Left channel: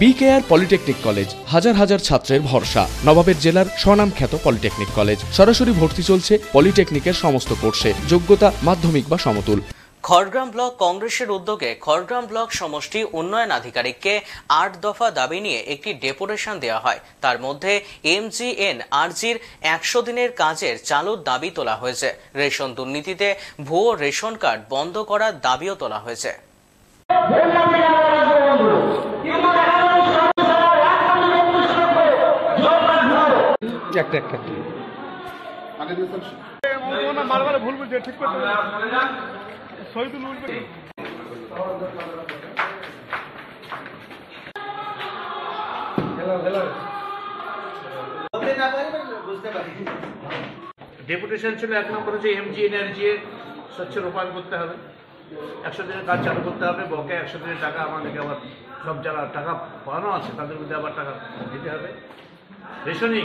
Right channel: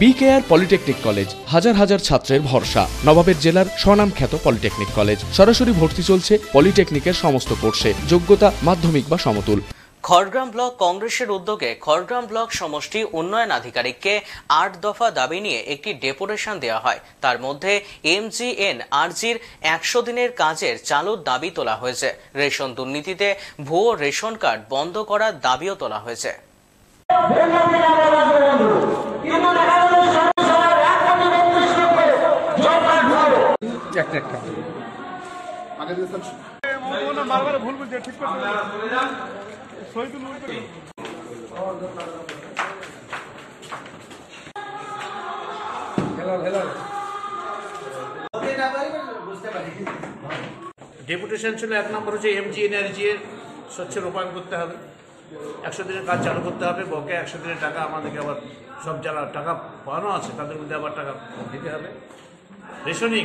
BKR polytechnic college হাজার হাজার ছাত্রের ভরসা। নবাবের জেলার স্বনামখ্যাত পলিটেকনিক কলেজ। সরাসরি ভর্তি চলছে পলিটেকনিকের সমস্ত কোর্সে। যোগ্যতা মাধ্যমিক বা সমতুল। খড়গ্রাম ব্লক কংগ্রেসের উদ্যোগে খড়গ্রাম ব্লক সমষ্টি উন্নয়ন আধিকারিককে 8 দফা দাবি নিয়ে একটি ডেপুটেশন দেওয়া হয়। তার মধ্যে MGNRGর 100 দিনের কাজের চালুর দাবি তোলা হয়েছে। রেশন দুর্নীতিতে ভুয়ো রেশন কার্ড বন্ধ করার দাবিও তোলা হয়েছে। ডেপুটেশন ছিল 1 নম্বর হচ্ছে MGNRG এর স্বচ্ছ রূপায়ণ করতে হবে, 100 দিনের কাজ চালু করতে হবে। বকেয়া 100 দিনের টাকা আমাদেরকে আবার সব যারা টাকা পাওয়ানো আছে তাদের মধ্যে আবার টাকা দিতে হবে। রেশনিং,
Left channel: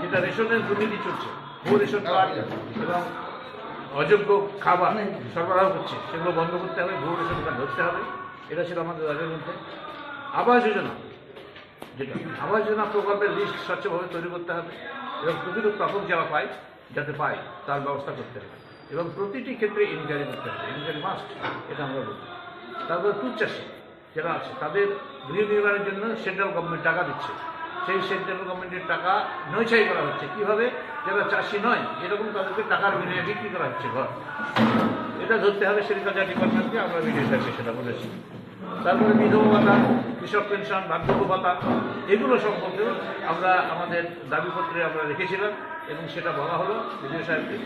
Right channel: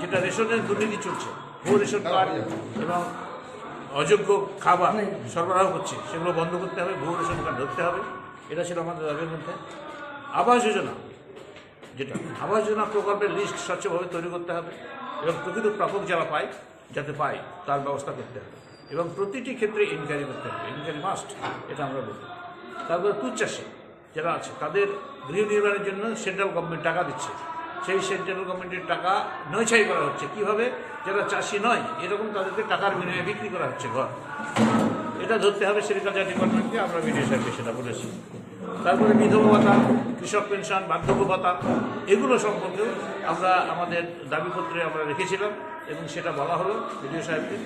যেটা রেশনের দুর্নীতি চলছে, ভুয়ো রেশন কার্ড এবং অযোগ্য খাবার সরবরাহ করছে, সেগুলো বন্ধ করতে হবে। ভুয়ো রেশন কার্ড ধরতে হবে। এটা ছিল আমাদের দাবির মধ্যে। আবাস যোজনা, যেটা আবাস যোজনা প্রকল্পের লিস্ট স্বচ্ছভাবে তৈরি করতে হবে এবং প্রকৃত প্রাপক যারা পায় যাতে পায় তার ব্যবস্থা করতে হবে এবং প্রতিটি ক্ষেত্রে ইনকোয়ারি করতে হবে। ইনকোয়ারি মাস্ট, এটা আমরা বলি। তারপরে দুধ চাষি যারা আছে তাদের গৃহ নির্মাণের জন্য সেন্ট্রাল গভর্নমেন্ট টাকা দিচ্ছে, সেই সেন্ট্রাল গভর্নমেন্টের টাকা নয়ছাই করা হচ্ছে। কীভাবে? যারা চাষি নয় এরকম তাদেরকে টাকার বিনিময়ে বিক্রি করা হচ্ছে ঘর। এটা ধরতে হবে সেগ্রিকালচার ডিপার্টমেন্টকে। আমরা বিডিও সাহেবকে সেটা বলেছি। তারপরে বিধবা ভাতা, কৃষক পেনশন, বার্ধক্য ভাতা, এগুলো সম্পর্কেও আমরা আমাদের দাবিপত্রে আমরা রেখেছিলাম এবং সেটা বলা হলো বিডিও সাহেবকে।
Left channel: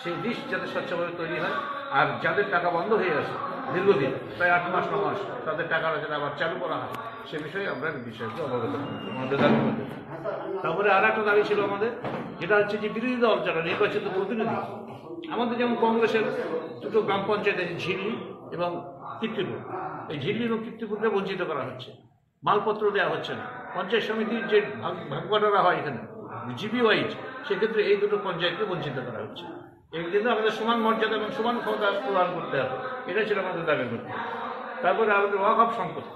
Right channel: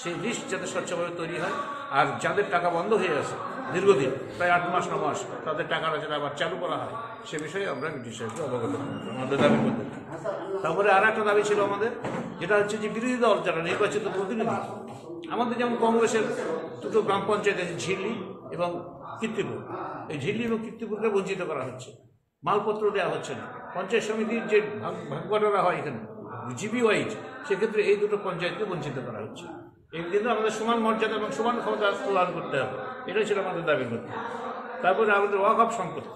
সেই লিস্ট যাতে স্বচ্ছভাবে তৈরি হয় আর যাদের টাকা বন্ধ হয়ে গেছে দীর্ঘদিন, প্রায় 8 মাস 9 মাস, তাদের টাকাটা যাতে আবার চালু করা হয় সে বিষয়ে আমরা বিডিও সাহেবকে অবগত করি আমাদের দাবি করতে। তারপরে আর একটা দাবি ছিল আমাদের, যেটা হচ্ছে যে বিরোধী দল যারা নির্বাচিত প্রতিনিধি, আমাদের যেমন কংগ্রেসের দুটো গ্রাম পঞ্চায়েত আছে, ঝিল্লি এবং কীর্তিপুর। এই ঝিল্লি এবং কীর্তিপুরকে বঞ্চিত করা হচ্ছে, মালপত্র দেওয়া হচ্ছে না। পঞ্চায়েত সমিতির যে ভাগবাটোয়ারা হয় এখানে জিবি ওয়াইজ, সেক্ষেত্রে এই দুটো পঞ্চায়েতকে বঞ্চিত করা হচ্ছে। এই কিন্তু আমাদের সমান মর্যাদা এবং সমান ক্ষমতা প্রদান করতে হবে, এটাই ছিল আমাদের দাবি করতে। তারপরে আমাদের ওয়াকফ সম্পত্তি,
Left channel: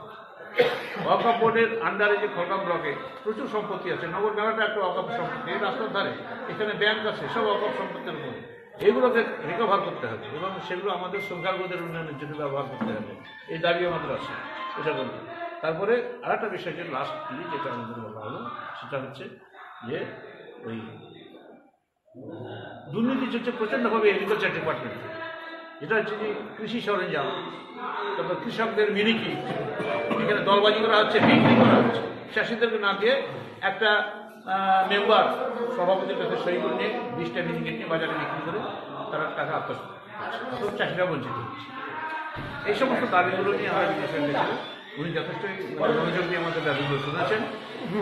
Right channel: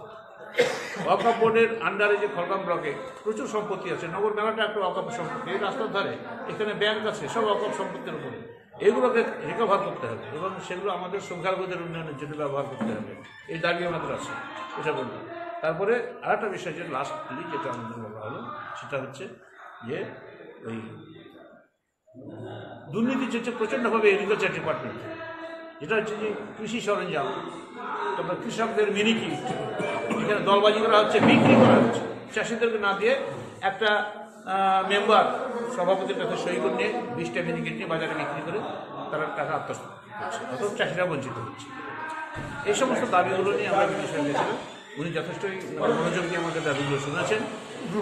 ওয়াকফ বোর্ডের আন্ডারে যে খড়গ্রাম ব্লকে প্রচুর সম্পত্তি আছে। নগর মেলাটা একটা ওয়াকফ সম্পত্তি, এই রাস্তার ধারে এখানে ব্যাংক আছে, সব ওয়াকফ সম্পত্তির উপরে। এগুলোকে রিকভার করতে হবে এবং সেগুলো আমাদের সংখ্যালঘুদের উন্নয়নের জন্য ব্যবহার করতে হবে, এই দাবি আমাদের আছে, এটা বলতে। তারপরে আর একটা বিষয় যে লাস্টলি যেটা আমাদের বলা হলো সেটা হচ্ছে যে ওই দুর্নীতি চলছে প্রচণ্ডভাবে এগ্রিকালচার ডিপার্টমেন্টে, যেটা হচ্ছে যে কৃষি সরঞ্জাম, তারপর কৃষকদের মিনি কিট এখানে দলবাজি করা হচ্ছে, বিক্রি করা হচ্ছে। চাষিদেরকে না দিয়ে একটা মেম্বার সভাপতির কাছে সই করে নিয়ে 20টা মিনি কিট নিয়ে বাজারে বিক্রি করে তারা টাকা আত্মসাৎ করছে, অথচ চাষিরা বঞ্চিত হচ্ছে। এই সমস্ত দাবিগুলো নিয়ে আমরা বিদেশে গেছিলাম। উনি যথেষ্ট মনোযোগ দিয়ে আমাদের দাবিগুলো শুনেছেন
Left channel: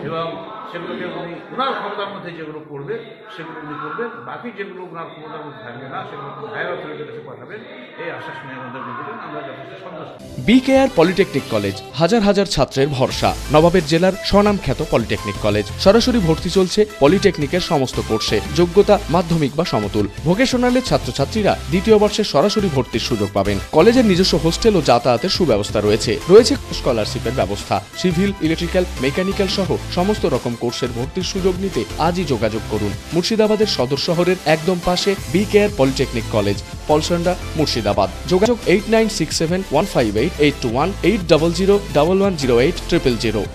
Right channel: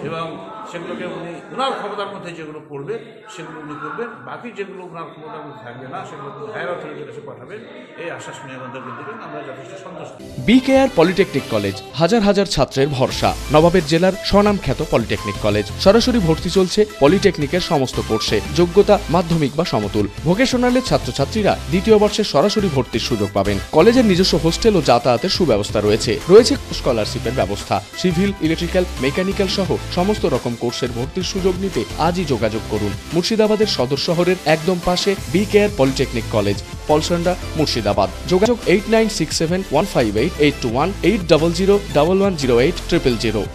এবং সেগুলোকে উনি ওনার ক্ষমতার মধ্যে যেগুলো করবে সেগুলো উনি করবেন। বাকি যেগুলো ওনার ক্ষমতার মধ্যে থাকবে না সেগুলো হায়ার অথরিটির কাছে পাঠাবেন, এই আশ্বাস নিয়ে আমাদেরকে দেবেন। আমরা যথেষ্ট সন্তুষ্ট। বিকেআর পলিটেকনিক কলেজ হাজার হাজার ছাত্রের ভরসা। নবাবের জেলার স্বনামখ্যাত পলিটেকনিক কলেজ। সরাসরি ভর্তি চলছে পলিটেকনিকের সমস্ত কোর্সে। যোগ্যতা মাধ্যমিক বা সমতুল। ভোকেশনালের ছাত্রছাত্রীরা 2য় বর্ষে সরাসরি ভর্তির সুযোগ পাবেন। কলেজের নিজস্ব হোস্টেল ও যাতায়াতের সুব্যবস্থা রয়েছে। স্কলারশিপের ব্যবস্থা। সিভিল, ইলেকট্রিক্যাল, মেকানিক্যাল সহ সমস্ত রকম কোর্সের ভর্তির সুযোগ নিতে আজই যোগাযোগ করুন। মুর্শিদাবাদের সদর শহরের একদম পাশে BKR polytechnic college, Palsanda, Murshidabad. যোগাযোগ 8967158821 8001108 000।